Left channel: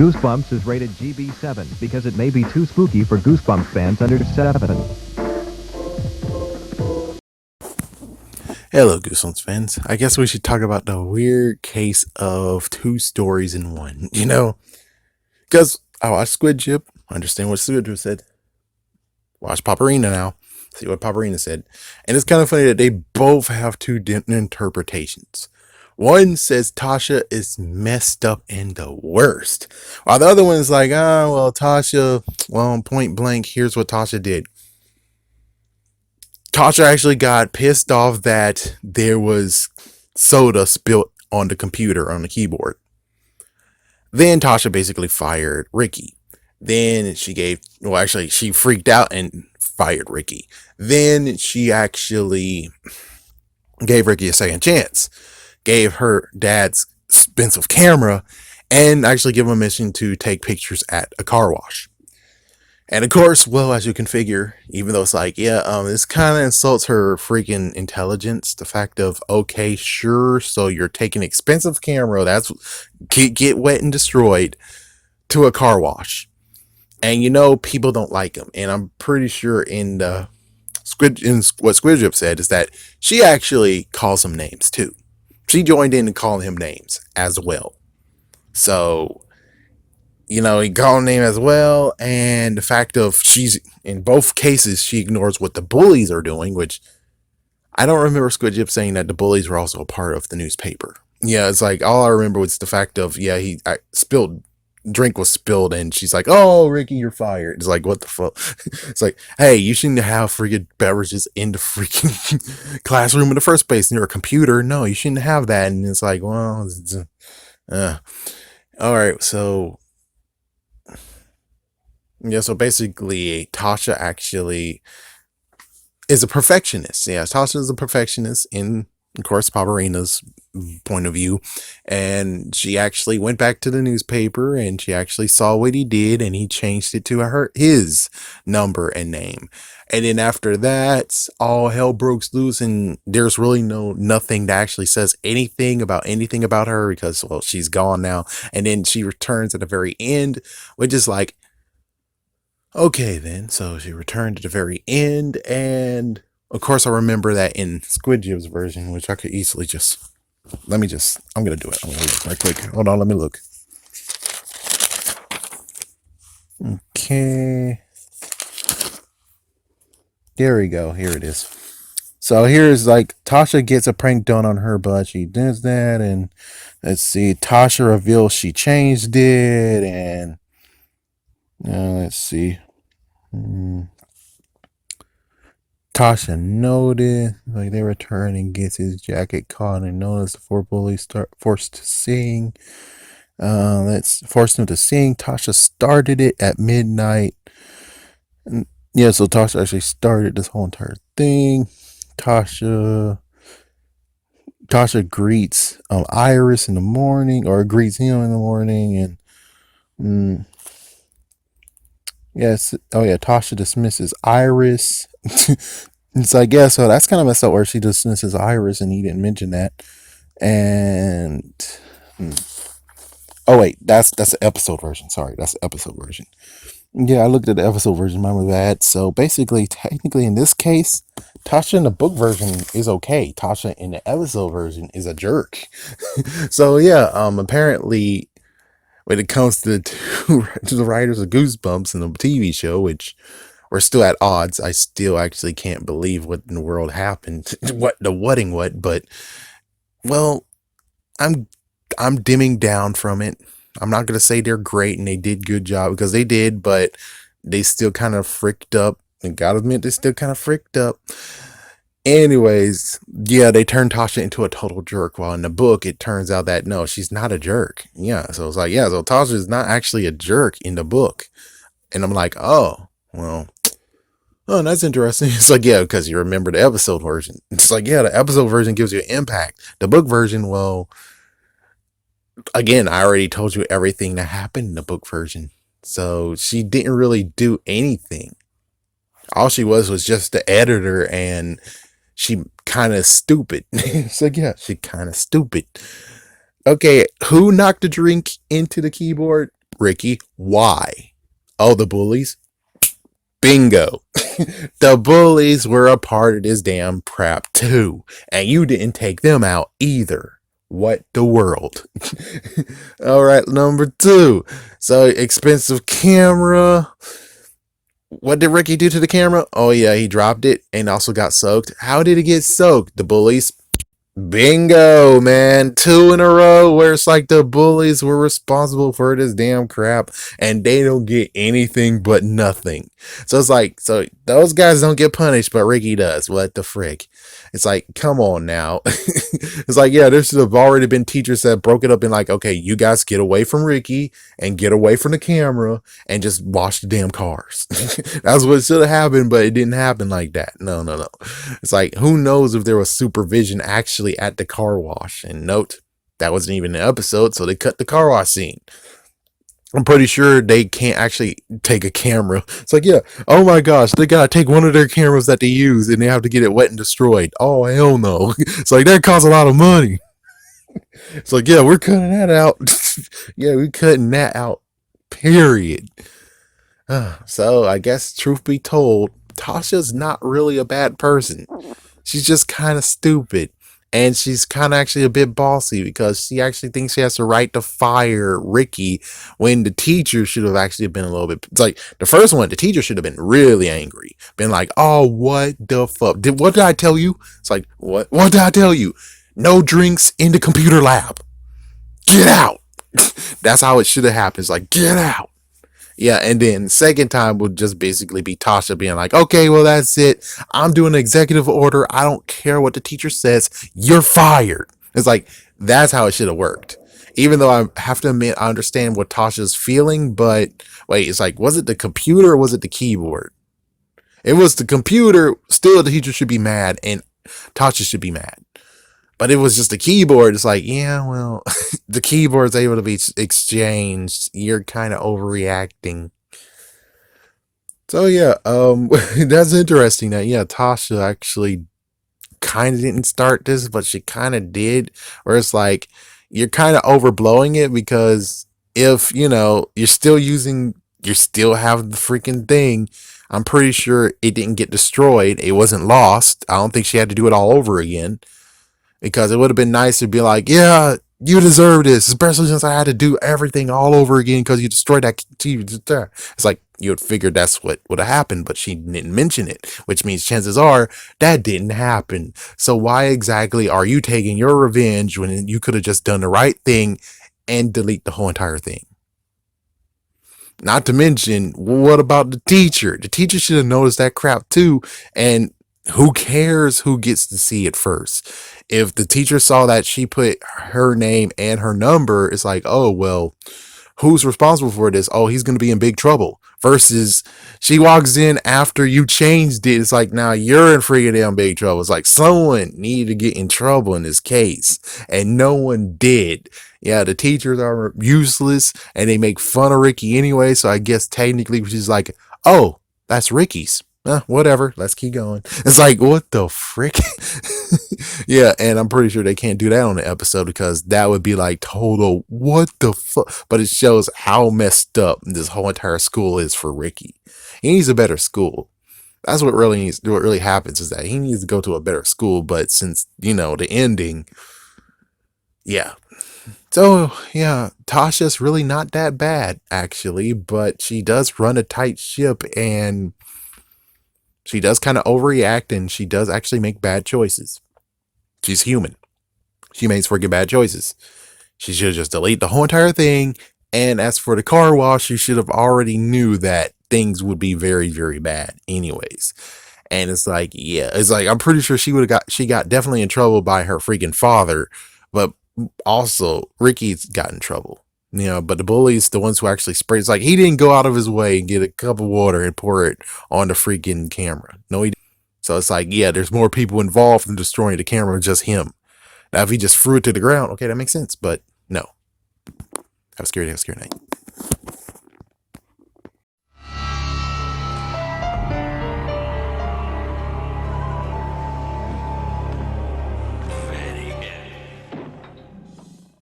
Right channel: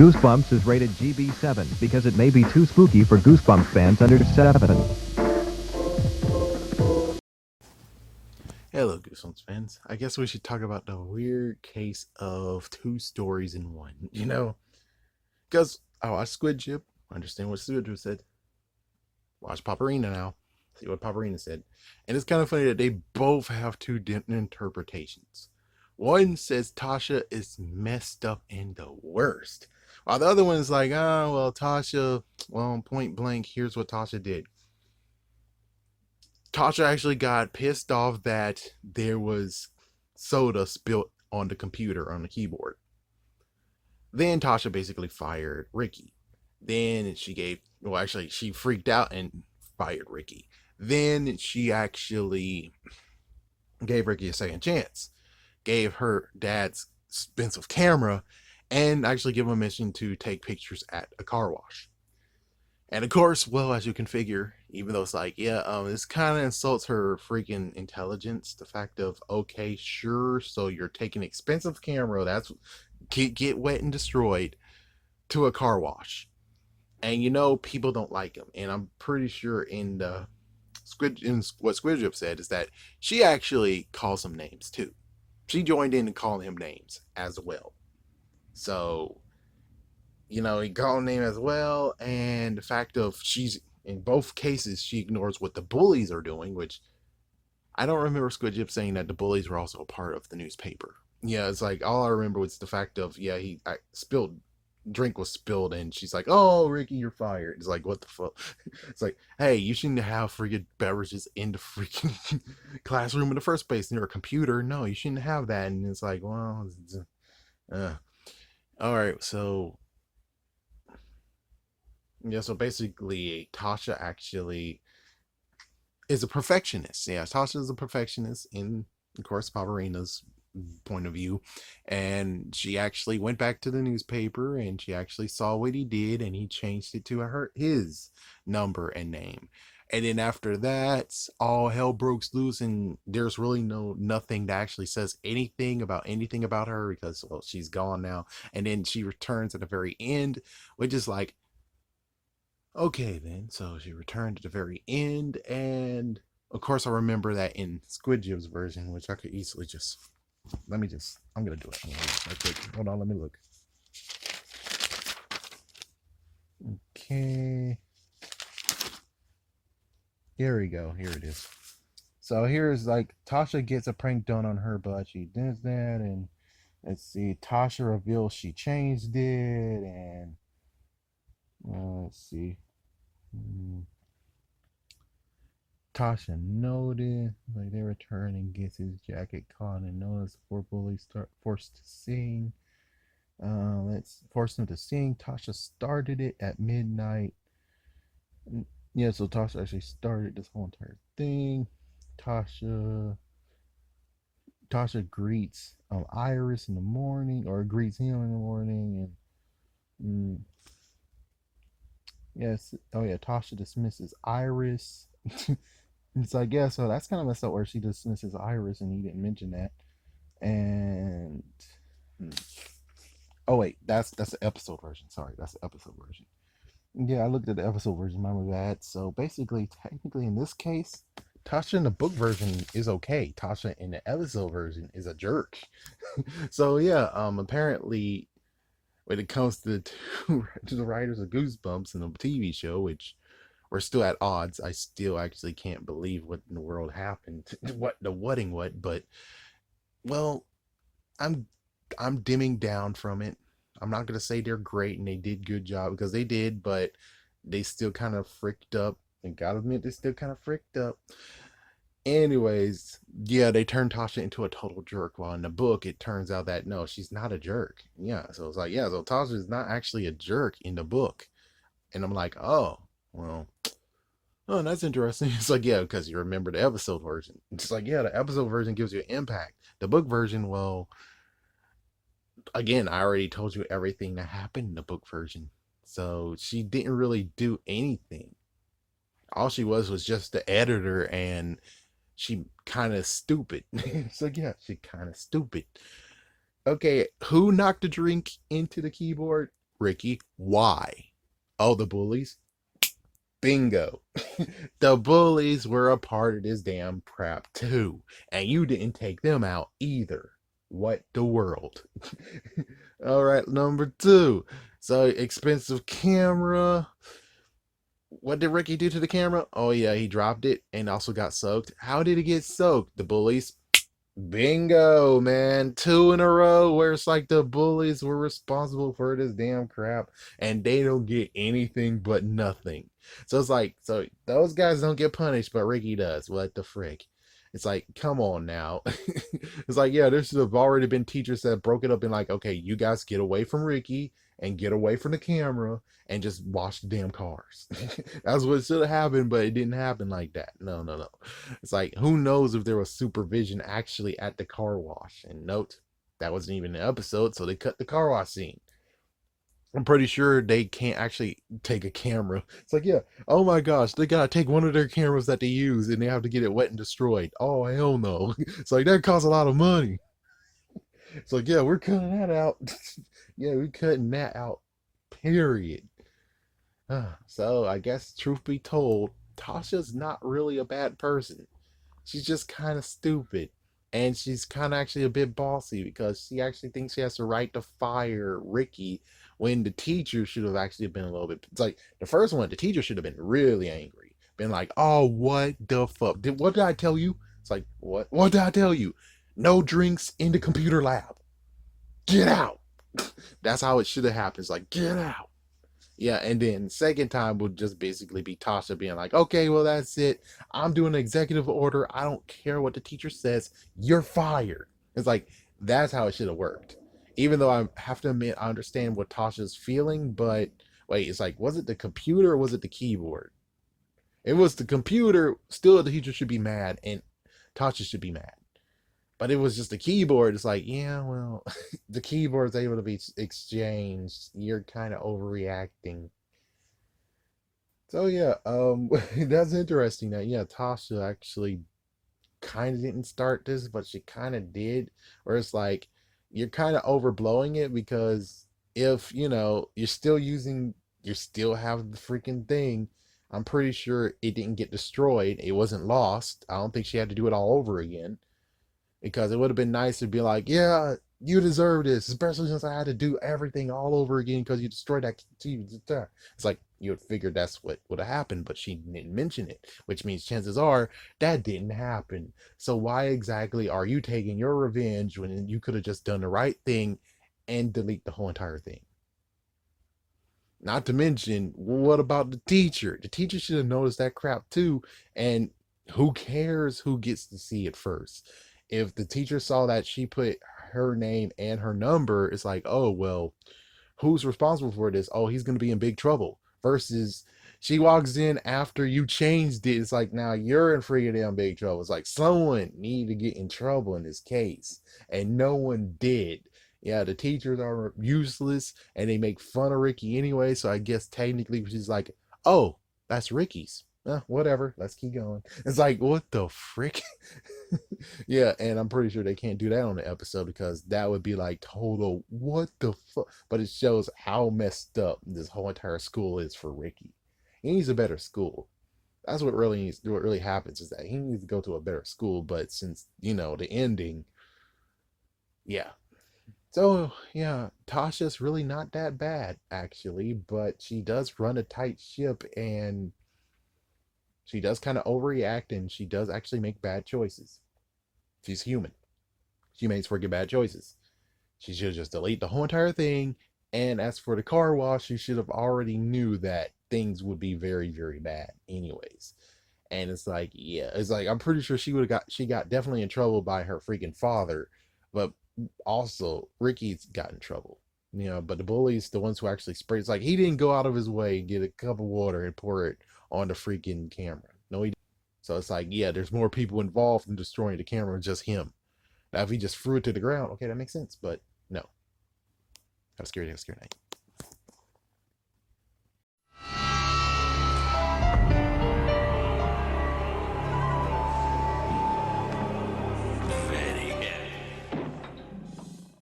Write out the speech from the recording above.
Goosebumps is rated GB7 because it may be too spooky for Goosebumps fans under 7. Hello, Goosebumps fans. I guess we should talk about the weird case of two stories in one. Because I watched Squid Jip, understand what Squid Jip said. Watch Paparina now, see what Paparina said. And it's kind of funny that they both have two different interpretations. One says Tasha is messed up and the worst, while the other one is like, well, Tasha, well, point blank, here's what Tasha did. Tasha actually got pissed off that there was soda spilt on the computer, on the keyboard. Then Tasha basically fired Ricky. Then she freaked out and fired Ricky. Then she actually gave Ricky a second chance, gave her dad's expensive camera, and actually gave him a mission to take pictures at a car wash. And of course, well, as you can figure, even though it's like, this kind of insults her freaking intelligence. The fact of, okay, sure, so you're taking expensive camera that's get wet and destroyed to a car wash, and people don't like him. And I'm pretty sure what Squidjip said is that she actually calls him names too. She joined in and calling him names as well. So he called name as well, and the fact of she's in both cases she ignores what the bullies are doing, which I don't remember Squidjip saying that the bullies were also a part of the newspaper. Yeah, it's like all I remember was the fact of drink was spilled, and she's like, "Oh, Ricky, you're fired." It's like, what the fuck? It's like, hey, you shouldn't have freaking beverages in the freaking classroom in the first place near a computer. No, you shouldn't have that. And it's like, well, all right, so. Yeah, so basically, Tasha actually is a perfectionist. Yeah, Tasha is a perfectionist in, of course, Paparina's point of view. And she actually went back to the newspaper and she actually saw what he did and he changed it to his number and name. And then after that, all hell broke loose, and there's really nothing that actually says anything about her because, well, she's gone now. And then she returns at the very end, which is like, okay, then. So she returned at the very end, and of course, I remember that in Squidjib's version, which I could easily I'm gonna do it. I'm gonna look right quick. Hold on, let me look. Okay. There we go. Here it is. So here's like Tasha gets a prank done on her, but she does that, and let's see. Tasha reveals she changed it, and let's see. Tasha noticed, like they return and gets his jacket caught and notice the four bullies forced to sing. Let's force him to sing. Tasha started it at midnight. And, yeah, so Tasha actually started this whole entire thing. Tasha greets Iris in the morning, or greets him in the morning, and yes, oh yeah, Tasha dismisses Iris. It's like, yeah, so that's kind of messed up where she dismisses Iris and he didn't mention that. And oh wait, that's the episode version. Sorry, that's the episode version. Yeah, I looked at the episode version, mine was bad. So basically, technically in this case, Tasha in the book version is okay. Tasha in the episode version is a jerk. So yeah, apparently when it comes to to the writers of Goosebumps and the TV show, which we're still at odds. I still actually can't believe what in the world happened. But well, I'm dimming down from it. I'm not gonna say they're great and they did good job because they did, but they still kind of fricked up. And gotta admit, they still kind of fricked up. Anyways, yeah, they turned Tasha into a total jerk. While in the book, it turns out that no, she's not a jerk. Yeah, so it's like, yeah, so Tasha is not actually a jerk in the book. And I'm like, oh, well, oh, that's interesting. It's like, yeah, because you remember the episode version. It's like, yeah, the episode version gives you impact. The book version, well, again, I already told you everything that happened in the book version. So she didn't really do anything. All she was just the editor, and she kind of stupid. It's like, yeah, she kind of stupid. Okay, who knocked the drink into the keyboard? Ricky, why? Oh, the bullies? Bingo. The bullies were a part of this damn crap too. And you didn't take them out either. What the world? All right, number two. So, expensive camera. What did Ricky do to the camera? Oh, yeah, he dropped it and also got soaked. How did it get soaked? The bullies. Bingo, man. Two in a row where it's like the bullies were responsible for this damn crap and they don't get anything but nothing. So it's like, so those guys don't get punished, but Ricky does. What the frick? It's like, come on now. It's like, yeah, there should have already been teachers that broke it up in like, okay, you guys get away from Ricky and get away from the camera and just wash the damn cars. That's what should have happened, but it didn't happen like that. No, no, no. It's like, who knows if there was supervision actually at the car wash? And note, that wasn't even an episode, so they cut the car wash scene. I'm pretty sure they can't actually take a camera. It's like, yeah, oh my gosh, they gotta take one of their cameras that they use and they have to get it wet and destroyed. Oh, hell no. It's like, that costs a lot of money. It's like, yeah, we're cutting that out. Yeah, we're cutting that out, period. So, I guess, truth be told, Tasha's not really a bad person. She's just kind of stupid. And she's kind of actually a bit bossy because she actually thinks she has the right to fire Ricky when the teacher should have actually been a little bit. It's like the first one, the teacher should have been really angry, been like, "Oh, what the fuck? What did I tell you?" It's like, "What? What did I tell you? No drinks in the computer lab. Get out." That's how it should have happened. It's like, get out. Yeah, and then second time would just basically be Tasha being like, okay, well, that's it. I'm doing an executive order. I don't care what the teacher says. You're fired. It's like, that's how it should have worked. Even though I have to admit, I understand what Tasha's feeling, but wait, it's like, was it the computer or was it the keyboard? It was the computer. Still, the teacher should be mad and Tasha should be mad. But it was just the keyboard. It's like, yeah, well, the keyboard's able to be exchanged. You're kind of overreacting. So yeah, that's interesting that yeah, Tasha actually kind of didn't start this, but she kind of did. Where it's like you're kind of overblowing it because if you're still using, you still have the freaking thing. I'm pretty sure it didn't get destroyed. It wasn't lost. I don't think she had to do it all over again because it would have been nice to be like, yeah, you deserve this, especially since I had to do everything all over again because you destroyed that TV. It's like you would figure that's what would have happened, but she didn't mention it, which means chances are that didn't happen. So why exactly are you taking your revenge when you could have just done the right thing and delete the whole entire thing? Not to mention, what about the teacher? The teacher should have noticed that crap too, and who cares who gets to see it first? If the teacher saw that she put her name and her number, it's like, oh, well, who's responsible for this? Oh, he's going to be in big trouble. Versus she walks in after you changed it. It's like, now you're in freaking damn big trouble. It's like someone needed to get in trouble in this case and no one did. Yeah, the teachers are useless and they make fun of Ricky anyway. So I guess technically she's like, oh, that's Ricky's. Whatever. Let's keep going. It's like, what the frick? Yeah, and I'm pretty sure they can't do that on the episode because that would be like total what the fuck. But it shows how messed up this whole entire school is for Ricky. He needs a better school. That's what really needs. What really happens is that he needs to go to a better school. But since the ending, yeah. So yeah, Tasha's really not that bad actually, but she does run a tight ship and she does kind of overreact and she does actually make bad choices. She's human. She makes freaking bad choices. She should just delete the whole entire thing. And as for the car wash, you should have already knew that things would be very, very bad anyways. And it's like, yeah, it's like I'm pretty sure she got definitely in trouble by her freaking father, but also Ricky's got in trouble. But the bullies, the ones who actually sprayed, it's like he didn't go out of his way and get a cup of water and pour it on the freaking camera. No, he didn't. So it's like, yeah, there's more people involved in destroying the camera than just him. Now, if he just threw it to the ground, okay, that makes sense. But no. Have a scary day, have a scary night.